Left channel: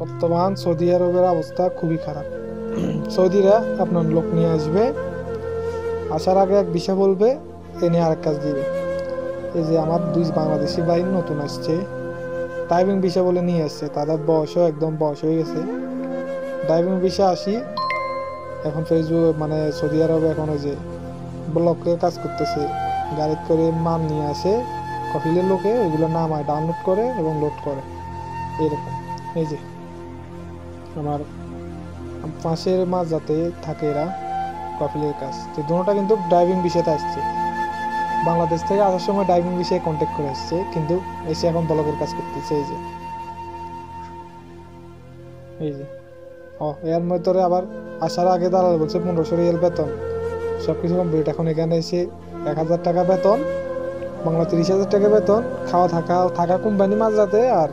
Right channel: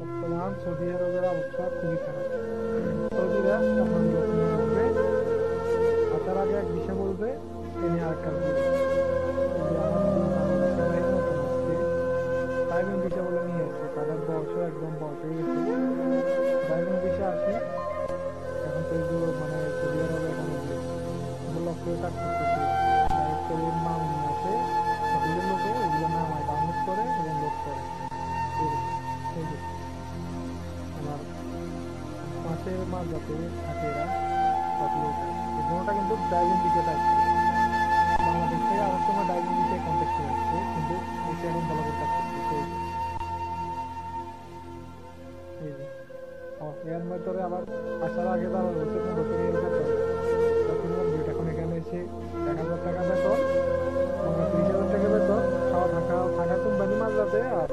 বর্তমান সৌদি আরবের অবস্থা খুবই খারাপ। সৌদিরা আপনার লোক নিয়ে আসবে, আসার আগে এক বিষয় বলবে, এ নিয়ে আরেক কাজ দিবে। এই যে আমার দুই বাংলাদেশি ভাই নতুন আসছে, ড্রাইভিং বিষয় বলে নিয়ে আসছে, তাদের বয়সও একদম বয়স হয়ে গেছে। ড্রাইভিং বিষয় আসি এখন মানে সৌদি আরবে এখন ওই যে ব্লকের কাজ করতেছে, গাড়ি করে মাল নিয়ে আসে কপিলের লোকে, ওইগুলো নামায় ডাউনলোড করে এবং লোড করে এরকম। এই যে আমার পাশের মাঝ যাতে থাকে এরা কপিলের কাজ, তো দুটোটা কিন্তু ড্রাইভিং বিষয়তে আসছে। বাংলাদেশ থেকে আসার সময় ড্রাইভিং বিষয়ে কন্ট্যাক্ট করে আসছে, কিন্তু এসে এখন ব্লকের কাজ করতেছে। এই যে এর মধ্যে আবার আসার আগে দালাল বলছে 1500 রিয়াল বেতন, সবকিছু কমপ্লিট। এখন এখানে এসে 1000 টাকা বেতন, বাংলা 30,000 টাকা বেতন, খাওয়া থাকা থাকা কোম্পানি মাঝরাতে, আর